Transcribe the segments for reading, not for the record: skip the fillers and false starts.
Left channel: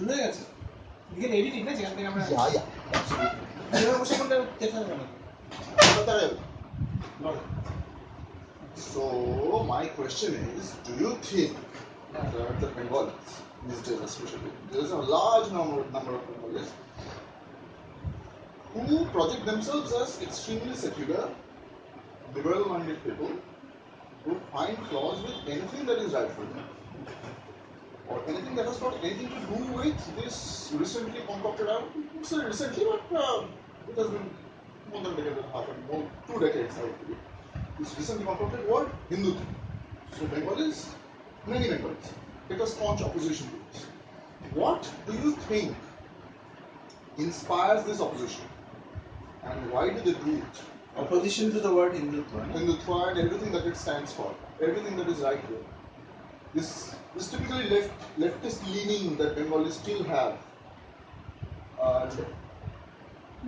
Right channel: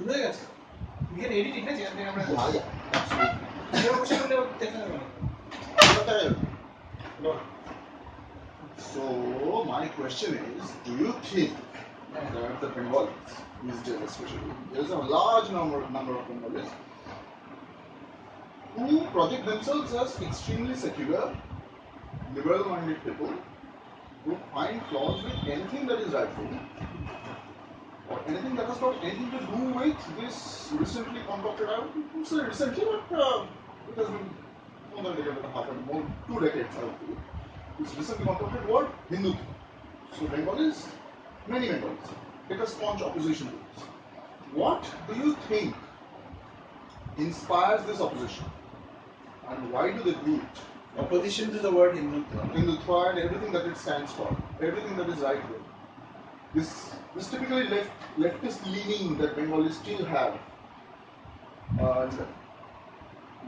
শুনে গেছে you can edit it না যেখান থেকে আমরা যেভাবে বসে করলে দেখা যাবে না So my question is, do you think that the Bengalis, these days especially, there's a large number of Bengalis who project themselves as extremely secular, liberal-minded people who find flaws with anything that is rightful or anything that has got anything to do with this recently concocted, I would say recently, but it has been more than a decade and a half, and more 2 decades, I would believe. This recently concocted word, Hintutva. So Bengalis, many Bengalis, take a staunch opposition to this. What do you think inspires this opposition? And why do they do it? Opposition to the word Hintutva. Hintutva and everything that it stands for, everything that is right way. This typically leftist leaning that Bengalis still have.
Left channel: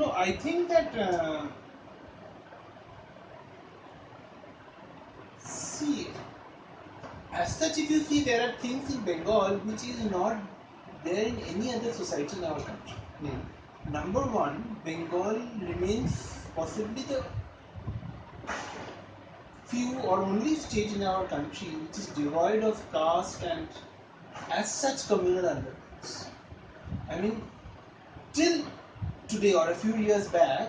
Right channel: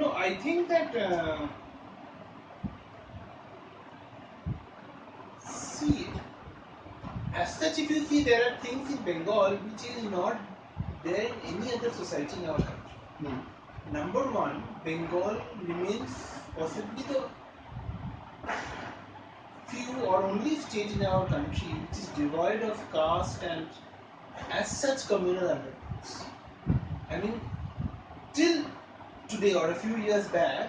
No, I think that see, as such, if you see, there are things in Bengal which is not there in any other society in our country. Number one, Bengal remains possibly the few or only state in our country which is devoid of caste and as such communal undertones. I mean, till today or a few years back,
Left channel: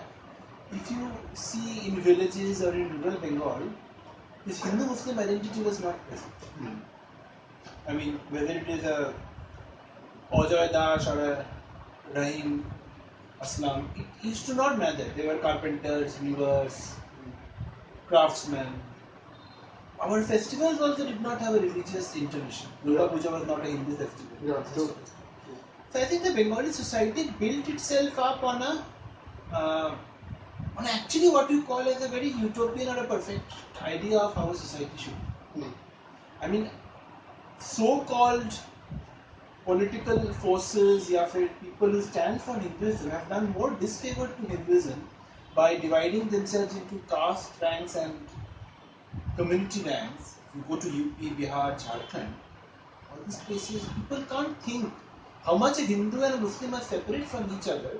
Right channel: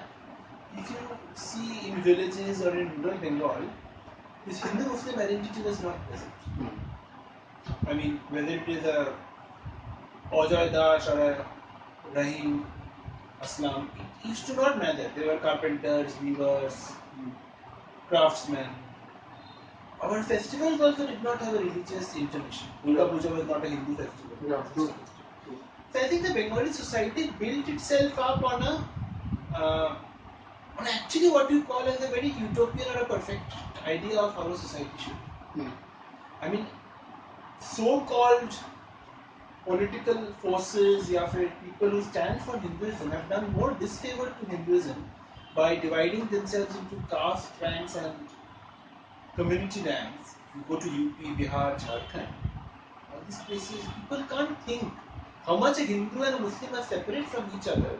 if you see in villages or in rural Bengal, this Hindu-Muslim identity was not present. I mean, whether it is a Ajoy Das or a Rahim Aslam, it used to not matter. They were carpenters, weavers, craftsmen. Our festivals also did not have a religious intermission. Durga Puja was not a Hindu festival. True. So I think the Bengali society built itself up on actually what you call as a very utopian or a perfect idea of how a society should be. I mean, so-called political forces, people who stand for Hinduism have done more disfavor to Hinduism by dividing themselves into caste ranks and community ranks. You go to UP, Bihar, Jharkhand, all these places, people can't think how much a Hindu and a Muslim are separate from each other.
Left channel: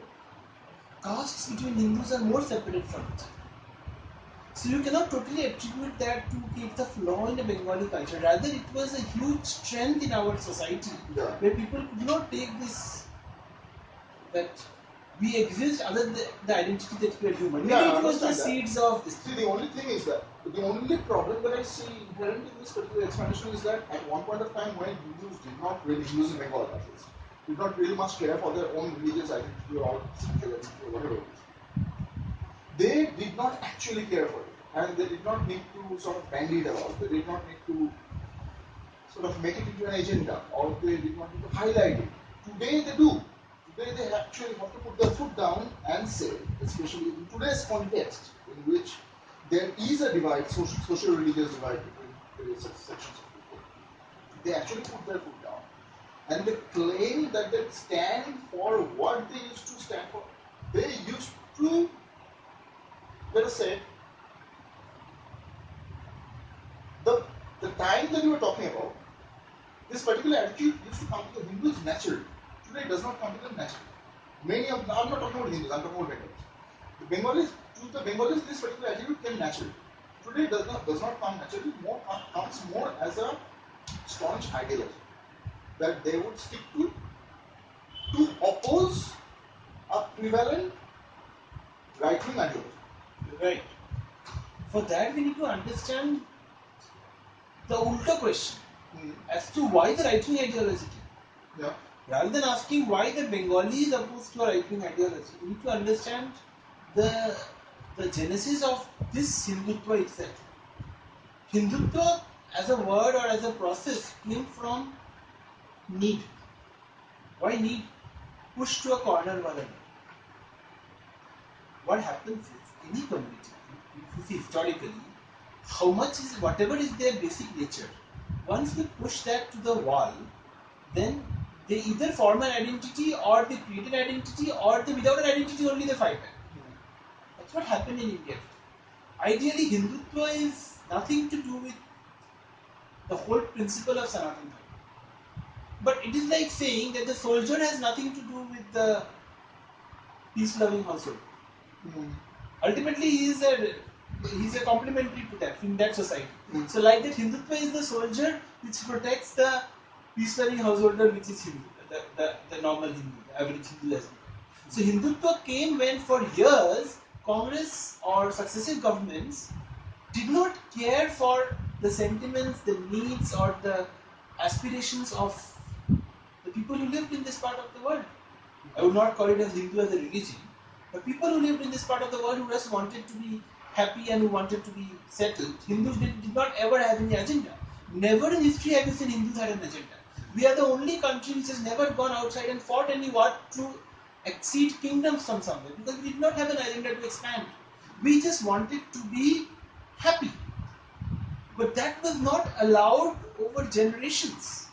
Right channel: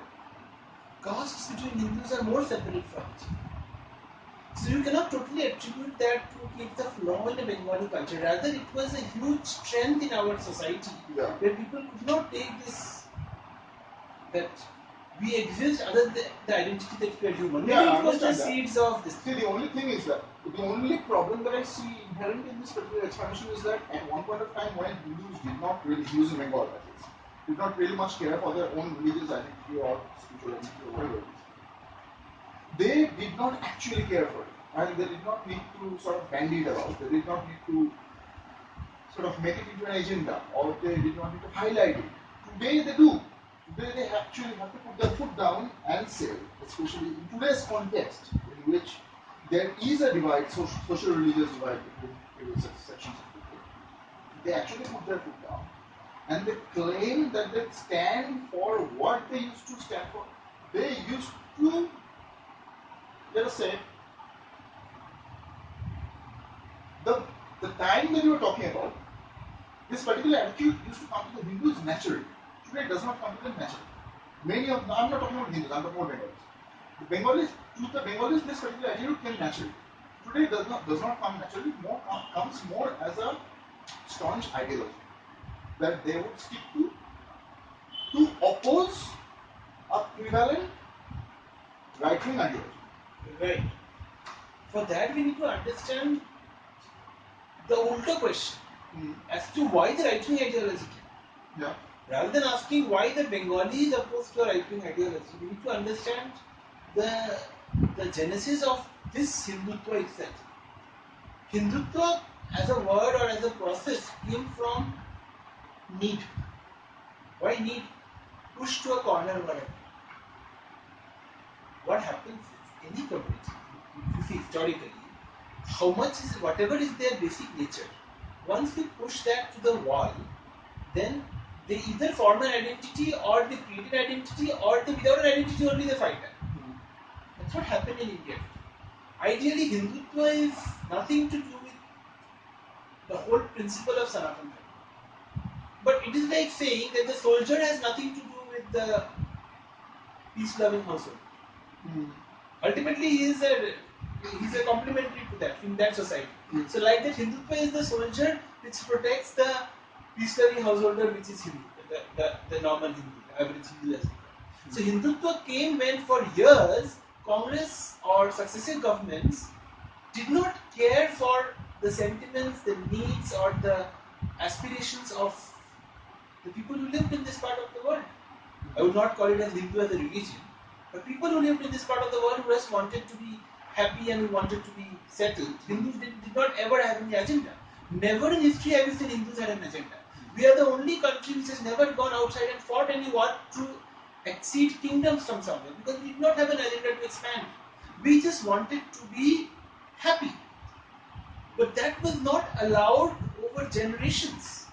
Castes between Hindus are more separate from each other. So you cannot totally attribute that to it's a flaw in the Bengali culture. Rather, it was a huge strength in our society where people could not take this, that we exist other than the identity that we are human. Maybe it was the seeds of this. See, the only thing is that, the only problem that I see inherent in this particular explanation is that at one point of time when Hindus did not really, Hindus in Bengal that is, did not really much care for their own religious identity or spiritual identity or whatever it is, they did not actually care for it. And they did not need to sort of bandy it about. They did not need to sort of make it into an agenda, or they did not need to highlight it. Today they do. Today they actually have to put their foot down and say, especially in today's context, in which there is a divide, social religious divide between various sections of people, they actually put their foot down. And they claim that they stand for what they used to stand for. They used to, let us say, the time that you were talking about, this particular attitude used to come to the Hindus naturally. Today it does not come to them naturally. Many of them, I'm not talking about Hindus, I'm talking about Bengalis. To the Bengalis, this particular attitude came naturally. Today it does not come naturally, comes more as a staunch ideology that they would stick to oppose a prevalent right-wing ideology. Right. For that we need to understand the ulta question as to why the right-wing ideology came. Rather than asking why the Bengali is opposed to a right-wing ideology, we need to understand the genesis of this Hindutva itself. Hindutva as a word or as a process came from need. Why need? Push to a corner one. What happens is any community, if you see historically, how much is whatever is their basic nature, once they push that to the wall, then they either form an identity or they create an identity, or they, without an identity only they fight that. That's what happened in India. Ideally, Hindutva is nothing to do with the whole principle of Sanatana. But it is like saying that the soldier has nothing to do with the peace-loving household. Ultimately, he's a complementary to that in that society. So, like that, Hindutva is the soldier which protects the peace-loving householder, which is Hindu, the normal Hindu, the average Hindu has become. So, Hindutva came when, for years, Congress or successive governments did not care for the sentiments, the needs, or the aspirations of the people who lived in this part of the world. I would not call it as Hindu as a religion, but people who lived in this part of the world who just wanted to be happy and who wanted to be settled. Hindus did not ever have any agenda. Never in history have you seen Hindus had an agenda. We are the only country which has never gone outside and fought any war to exceed kingdoms from somewhere, because we did not have an agenda to expand. We just wanted to be happy. But that was not allowed over generations.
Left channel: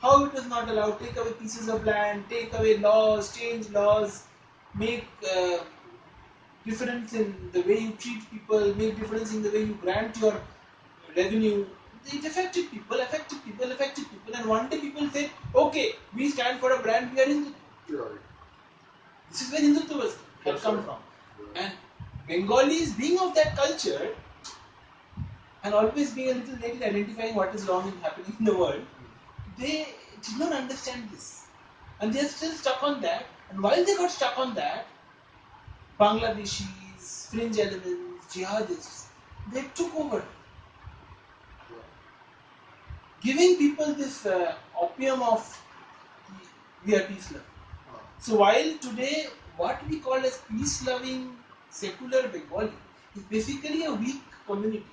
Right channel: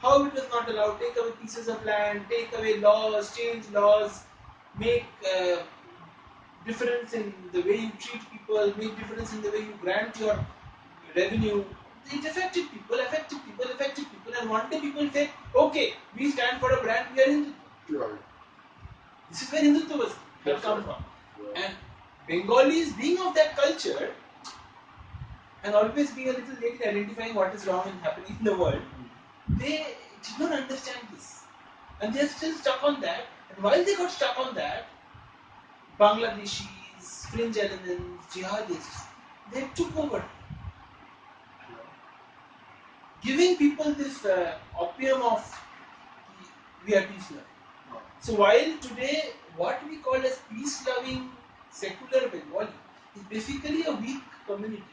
How it was not allowed? Take away pieces of land, take away laws, change laws, make difference in the way you treat people, make difference in the way you grant your revenue. It affected people, and one day people said, okay, we stand for a brand, we are Hindu. Sure. This is where Hindutva has come from. Yeah. And Bengalis, being of that culture, and always being a little late in identifying what is wrong and happening in the world, they did not understand this. And they are still stuck on that. And while they got stuck on that, Bangladeshis, fringe elements, jihadists, they took over. Giving people this opium of we are peace loving. So while today what we call as peace-loving secular Bengali is basically a weak community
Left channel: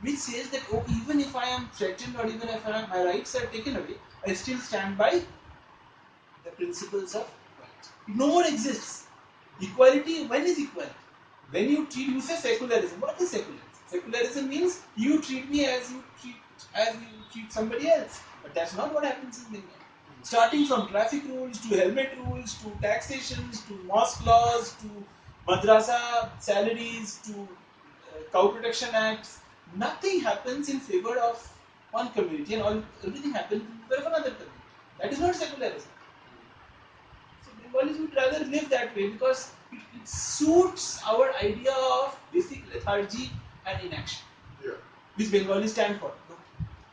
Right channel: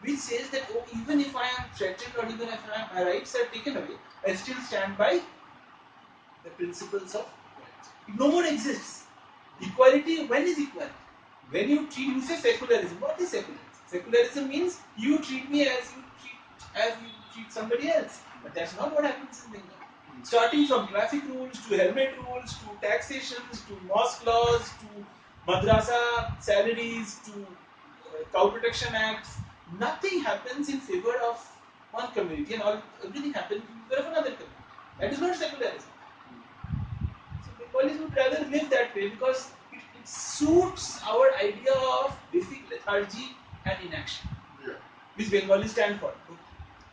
which says that even if I am threatened or even if my rights are taken away, I still stand by the principles of rights. It no more exists. Equality, when is equality? When you say secularism. What is secularism? Secularism means you treat me as you treat somebody else. But that's not what happens in Bengal. Starting from traffic rules to helmet rules to taxations to mosque laws to madrasa salaries to cow protection acts, nothing happens in favor of one community and everything happens in favor of another community. That is not secularism. So Bengalis would rather live that way because it suits our idea of basic lethargy and inaction. Yeah. Which Bengalis stand for.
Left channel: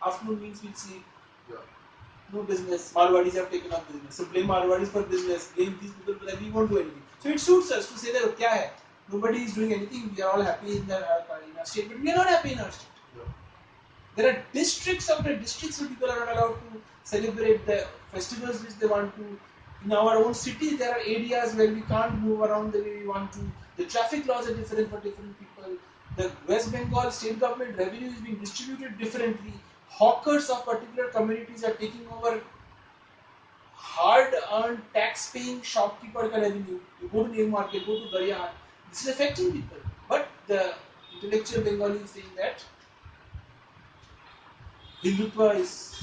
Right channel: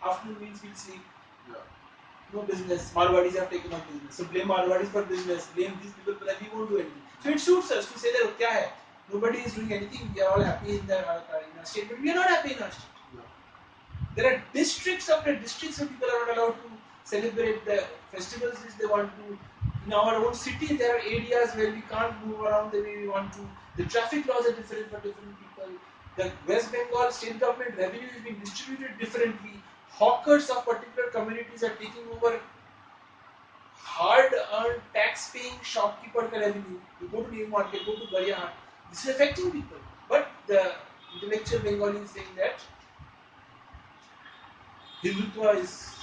Afternoon means we'll sleep. Yeah. No business. Marwadis have taken up business. So blame Marwadis for business. Blame these people for that. We won't do anything. So it suits us to say that kya hai? Nobody is doing anything. We are all happy in our state, but we are not happy in our state. Yeah. There are districts after districts where people are not allowed to celebrate the festivals which they want to. In our own city, there are areas where we can't move around the way we want to. The traffic laws are different for different people. The West Bengal state government revenue is being distributed differently. Hawkers of particular communities are taking over hard-earned, tax-paying shopkeeper revenue. You go to the market, go to Gaya. This is affecting people. But the intellectual Bengali is saying that Hindutva is.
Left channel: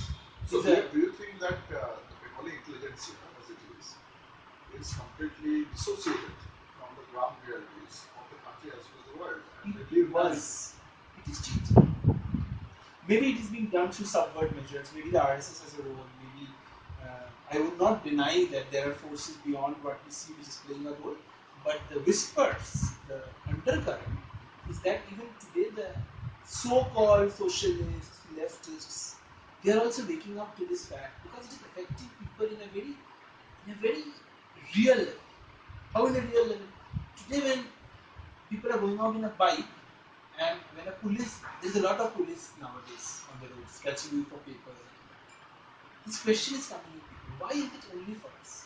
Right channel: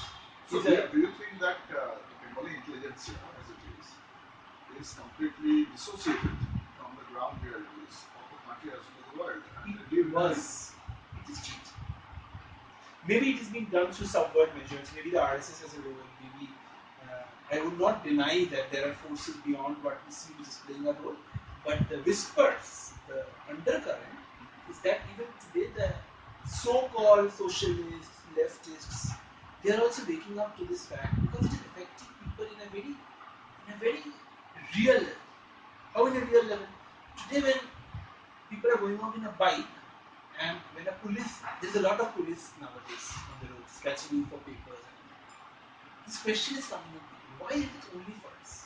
So, do you think that the Bengali intelligentsia, as it is completely dissociated from the ground realities of the country as well as the world? And it was. It is changing. Maybe it is being done through subvert measures. Maybe the RSS has a role. Maybe I would not deny that there are forces beyond what we see which is playing a role. But the whispers, the undercurrent, is that even today the so-called socialists, leftists, they are also waking up to this fact because it is affecting people in a very real level. How in a real level? Today when people are going out in a bike and when there's a lot of police nowadays on the roads catching you for papers. This question is coming in people. Why is it only for us?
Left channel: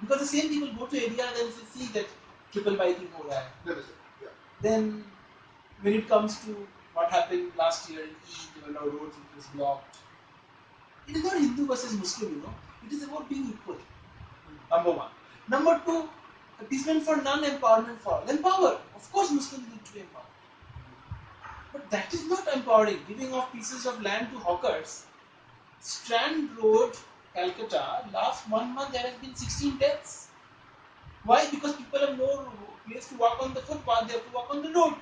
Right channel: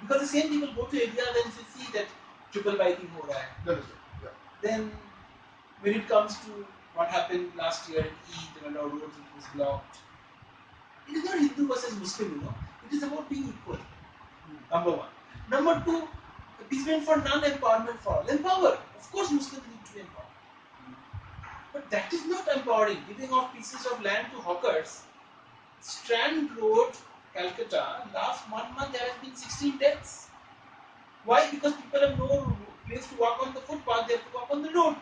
Because the same people go to areas and see that triple biking ho raha hai. Yeah. Then when it comes to what happened last year in Eid when our roads was blocked, it is not Hindu versus Muslim, It is about being equal. Number one. Number two, appeasement for none, empowerment for all. Empower. Of course Muslims need to be empowered. But that is not empowering. Giving off pieces of land to hawkers. Strand Road, Calcutta, last 1 month there has been 16 deaths. Why? Because people have no place to walk on the footpath, they have to walk on the road.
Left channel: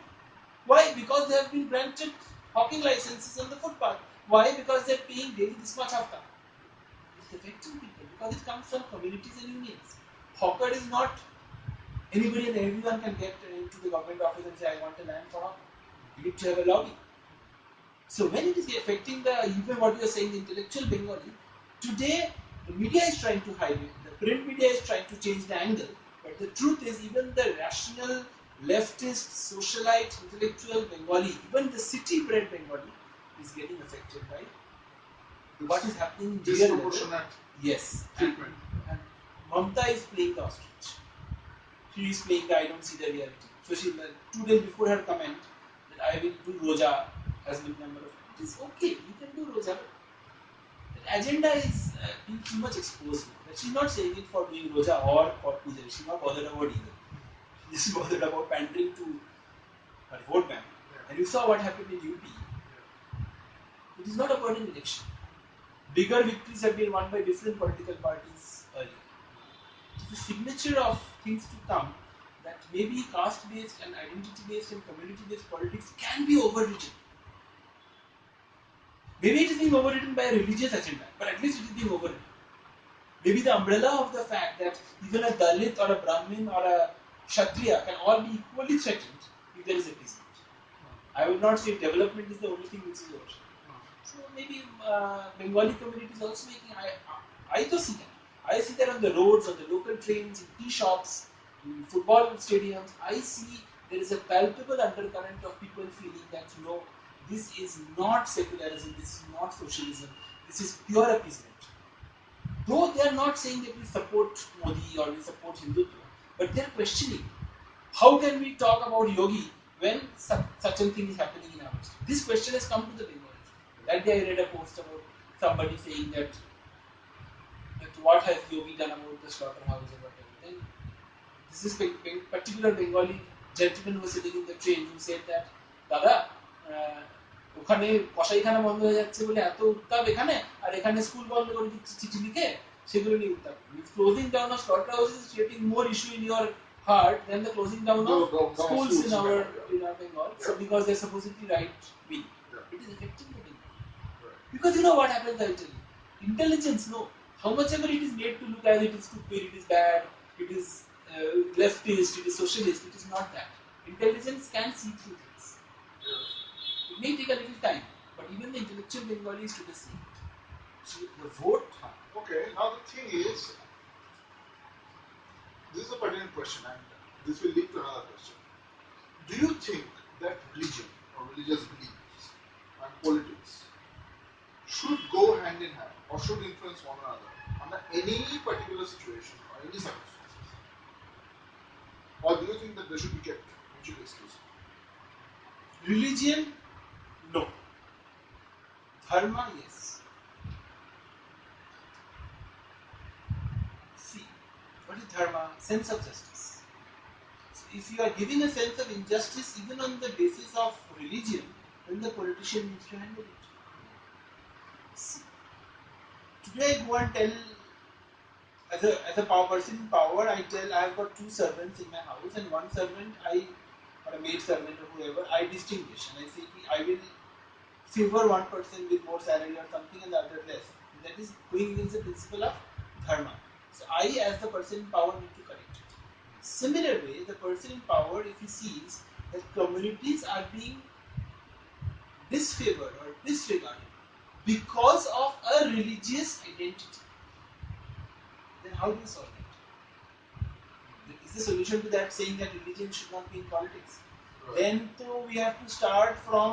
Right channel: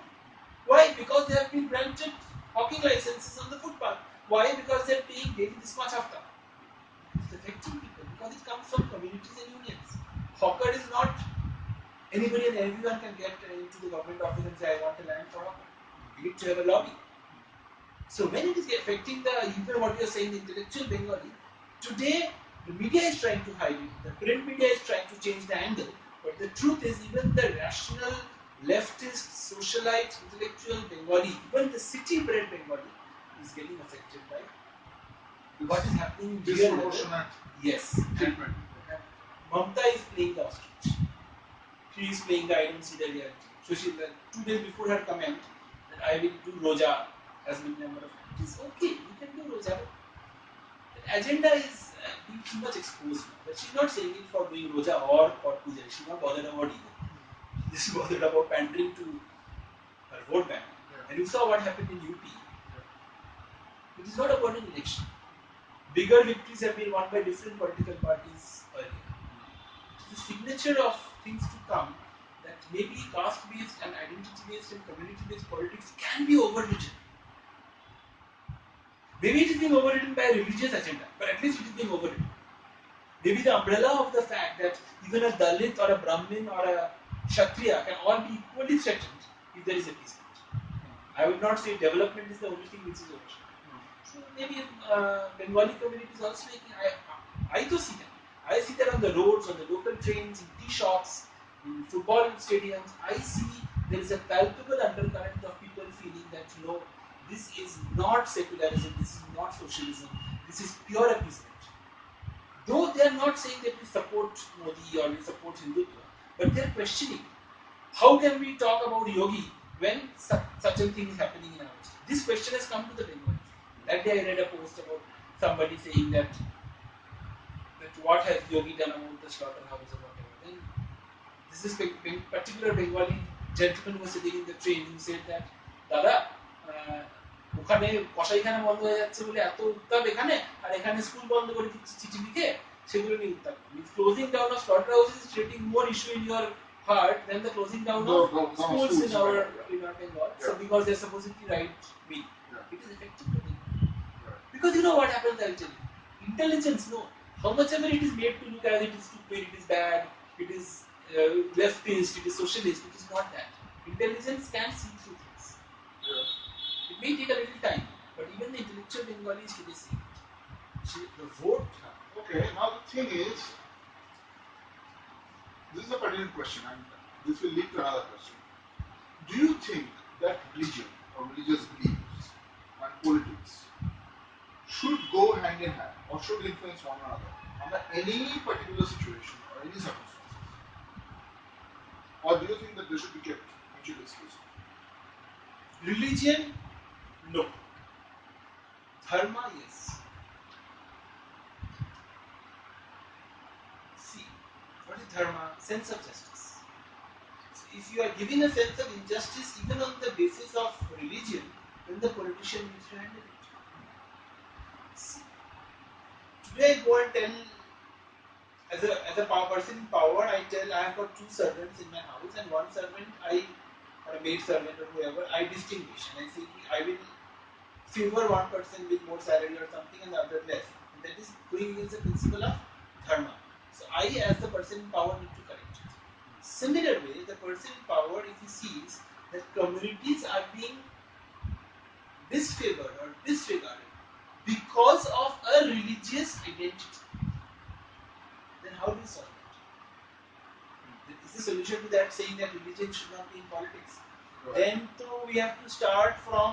Why? Because they have been granted hawking licenses on the footpath. Why? Because they are paying daily this much after. Because it comes from communities and unions. Hawker is not anybody and everyone can get into the government office and say, I want a land for hawker. You need to have a lobby. So when it is affecting the, even what you are saying, the intellectual Bengali, today the media is trying to hide it, the print media is trying to change the angle, but the truth is even the rational, leftist, socialite, intellectual Bengali, even the city-bred Bengali is getting affected by what is happening here. Disproportionate. Yes. Treatment. And Mamta is playing the ostrich. She is playing the I don't see the reality. So she, 2 days before her comment that I will do Roja as many number of times. It is okay, you can do Roja, but the agenda is being too much exposed now. That she's not saying it for doing Roja or for Puja. She's not bothered about either. She's bothered about pandering to her vote bank. Yeah. And you saw what happened in UP. Yeah. It is not about an election. Bigger victories have been won by different political parties earlier. It is a signature of things to come that maybe caste-based and identity-based and community-based politics can be overwritten. Maybe it is being overwritten by a religious agenda, but at least it is being overwritten. Maybe the umbrella of the fact that even a Dalit or a Brahmin or a Kshatriya can all be equally threatened if there is a peace. I would not say development is the only thing which is overshadowed. So maybe Bengali community is also making. I do see that. I see that on the roads, on the local trains, in tea shops, in football stadiums. I see there is a palpable undercurrent of people feeling that this is not secularism, this is not socialism, this is pure appeasement. Though they are not saying that we support Modi or we support Hintutva, but they are questioning how can we talk about yogi when such a thing is happening in our state. This question has come to the Bengalis. That day I read a post about somebody saying that what has yogi done about the slaughterhouse or whatever. Then this is particular Bengali gentleman who was sitting in the train who said that দাদা ওখানে কসাইখানা বন্ধ হয়ে যাচ্ছে বলে এত উত্তাপ এখানে আর এখানে স্কুল বন্ধ করে দিচ্ছে চিঠি লিখে সেগুলো নিয়ে উত্তাপ closing down of slaughterhouses is creating more issue in your heart than the closing down of schools in our Bengal. So because they're supposedly right wing, it is affecting the Bengal. Because you know what happens, I'll tell you. Intelligence, no. How much ever it is made to look as it is stupid, it is bad, it is leftist, it is socialist, it is not that. Intelligence can see through things. It may take a little time, but even the intellectual Bengalis today see it. So the vote. Okay, now the thing is, this is a pertinent question, and this will lead to another question. Do you think that religion or religious beliefs and politics should go hand in hand or should influence one another under any particular situation or any circumstances? Or do you think that they should be kept mutually exclusive? Religion, no. Dharma, yes. See, what is dharma? Sense of justice. So if you are giving a sense of injustice even on the basis of religion, then the politician needs to handle it. See, today I go and tell, as a person in power, I tell I have got 2 servants in my house, and one servant or a maid servant or whoever, I distinguish and I say I will favor one person with more salary or something and the other less. And that is going against the principle of dharma. So I, as the person in power, need to correct it. Similar way, the person in power, if he sees that communities are being disfavored or disregarded because of a religious identity, then how do you solve it? Is the solution to that saying that religion should not be in politics? Right. Then we have to start from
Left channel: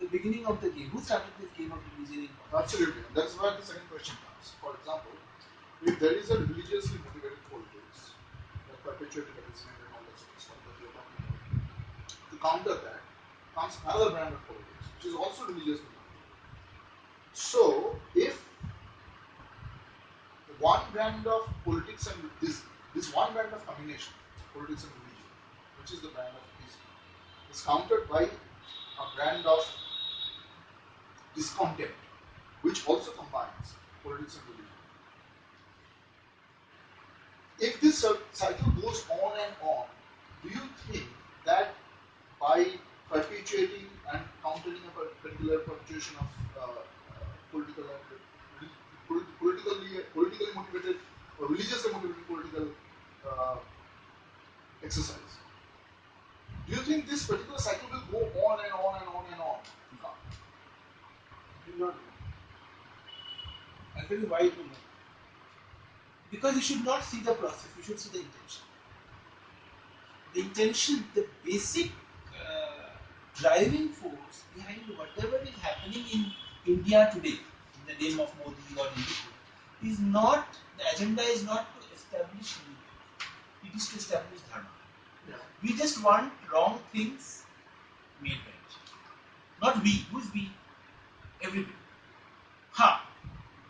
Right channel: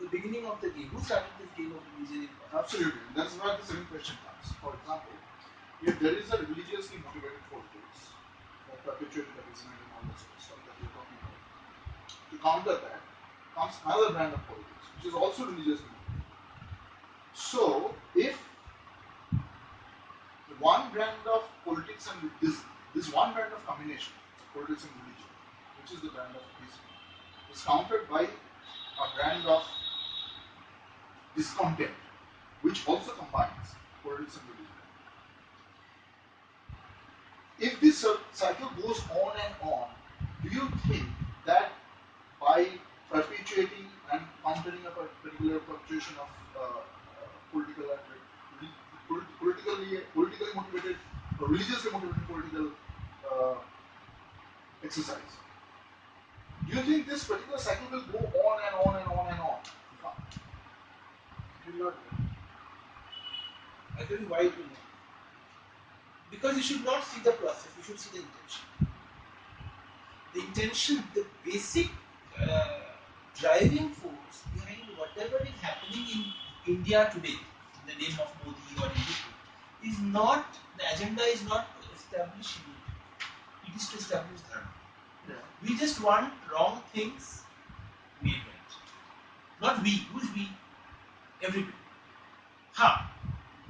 the beginning of the game. Who started this game of religion in politics? Absolutely. That's where the second question comes. For example, if there is a religiously motivated politics that perpetuated appeasement and all that sort of stuff that you're talking about, to counter that comes another brand of politics, which is also religiously motivated. So, if one brand of politics and this one brand of combination, politics and religion, which is the brand of appeasement, is countered by a brand of discontent, which also combines politics and religion. If this cycle goes on and on, do you think that by perpetuating and countering a particular fluctuation of politically motivated or religiously motivated political exercise. Do you think this particular cycle will go on and on and on and on? It will not go. I'll tell you why it will not. Because you should not see the process, you should see the intention. The intention, the basic driving force behind whatever is happening in India today, in the name of Modi or Hindutva, is not, the agenda is not to establish Hindu, it is to establish Dharma. Yeah. We just want wrong things made right. Not we, who's we? Everybody.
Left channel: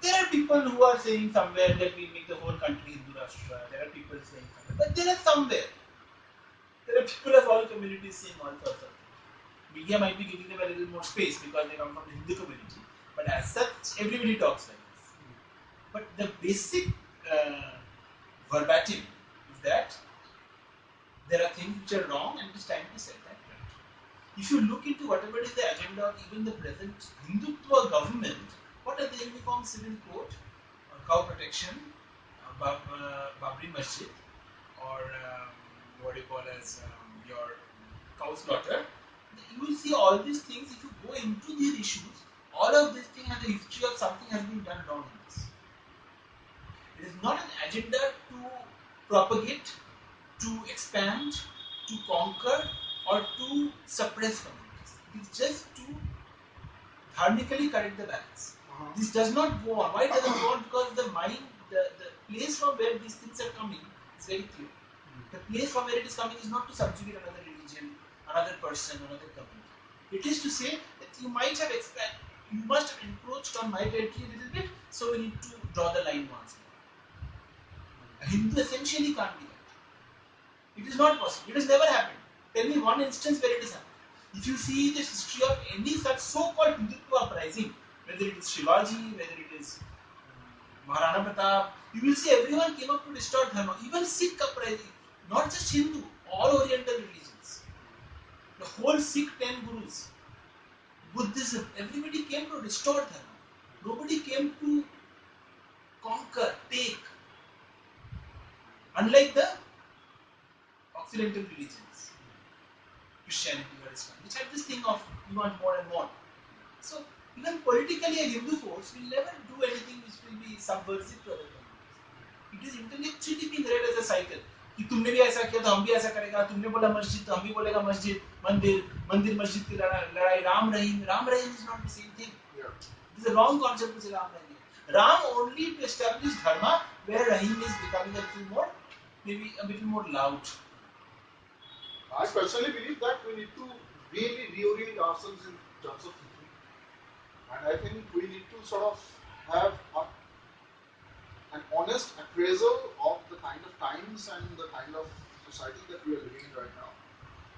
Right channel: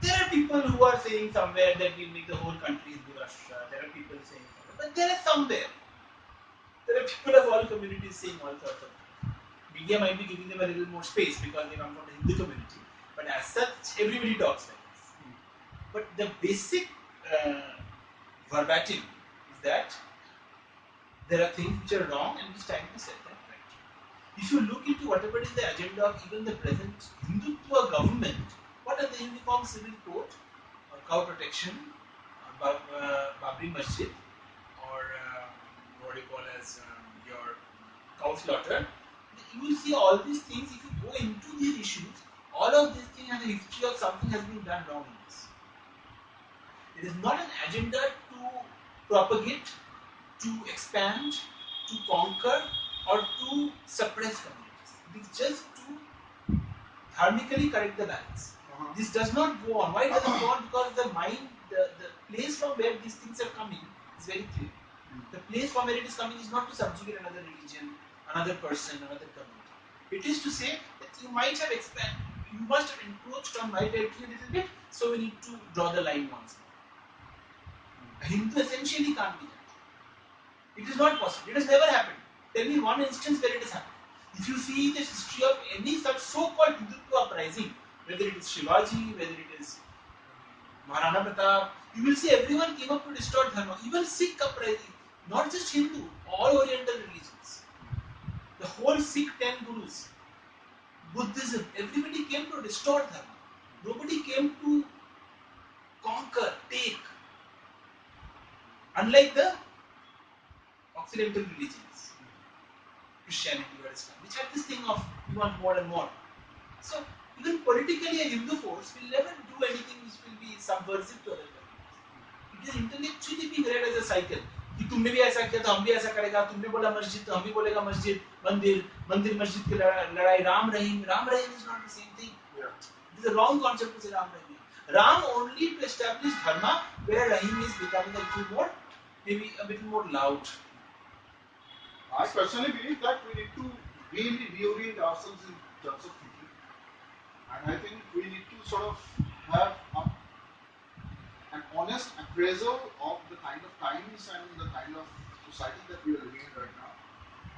There are people who are saying somewhere that we'll make the whole country Hindu Rashtra. There are people saying somewhere, but there are somewhere. There are people of all communities saying all sorts of things. Media might be giving them a little more space because they come from the Hindu community, but as such, everybody talks like this. But the basic verbatim is that there are things which are wrong and it's time to set that right. If you look into whatever is the agenda of even the present Hindutva government, what are the uniform civil code? Cow protection, Babri Masjid, or what you call as your cow slaughter. You will see all these things. If you go into these issues, all of these things have a history of something has been done wrong in this. It is not an agenda to propagate, to expand, to conquer, or to suppress communities. It is just to dharmically correct the balance. This does not go on. Why does it go on? Because the mind, the place from where these things are coming is very clear. The place from where it is coming is not to subjugate another religion, another person, another community. It is to say that you might have expanded, you must have encroached on my territory a little bit, so we need to draw the line once more. A Hindu essentially can't be that. It is not possible. It has never happened. Tell me one instance where it has happened. If you see the history of any such so-called Hindutva uprising, whether it is Shivaji, whether it is Maharana Pratap, you will see everyone came up to distort Dharma. Even Sikh uprising, not just Hindu, all Oriental religions. The whole Sikh 10 gurus, Buddhism, everybody came to distort Dharma. Nobody came to conquer, take. Unlike the Occidental religions, Christianity or Islam, which had this thing of we want more and more. So, even politically a Hindu force will never do anything which will be subversive to other communities. It is intellectually being read as a cycle. कि तुमने भी ऐसा किया तो हम भी ऐसा करेगा, तुमने बोला मस्जिद तो हम भी बोलेगा मस्जिद, मंदिर मस्जिद की लड़ाई, Ram Rahim is not the same thing. Yeah. It is a wrong concept to say Ram Rahim. Ram only to establish dharma, where Rahim is becoming a little more, maybe a little more loud. I personally believe that we need to really reorient ourselves in terms of thinking. And I think we need to sort of have an honest appraisal of the kind of times and the kind of society that we are living in right now,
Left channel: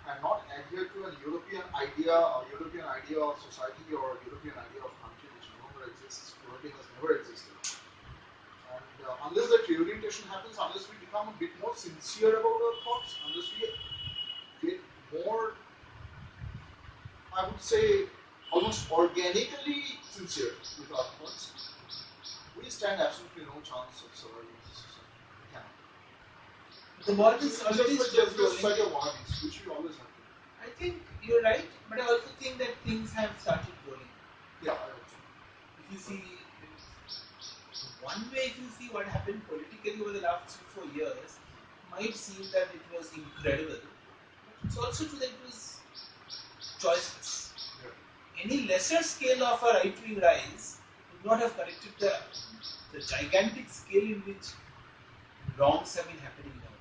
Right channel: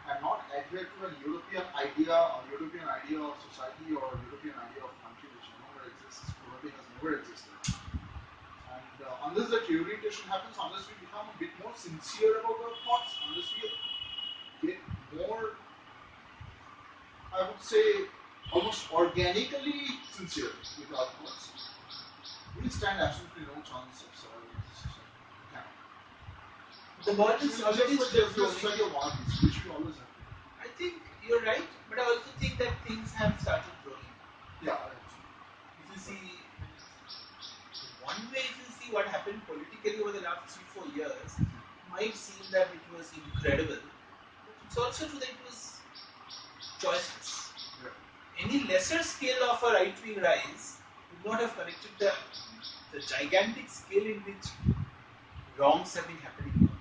and not adhere to a European idea of society or a European idea of country which no longer exists, probably has never existed. And unless that reorientation happens, unless we become a bit more sincere about our thoughts, unless we get more, I would say, almost organically sincere with our thoughts, we stand absolutely no chance of surviving this society. We cannot. The world is already just like a wannabes, which we always have to do. I think you're right, but I also think that things have started growing. Yeah, if you see, one way, if you see what happened politically over the last 3-4 years, might seem that it was incredible. It's also true that it was choiceless. Yeah. Any lesser scale of a right-wing rise would not have corrected the gigantic scale in which wrongs have been happening in the world.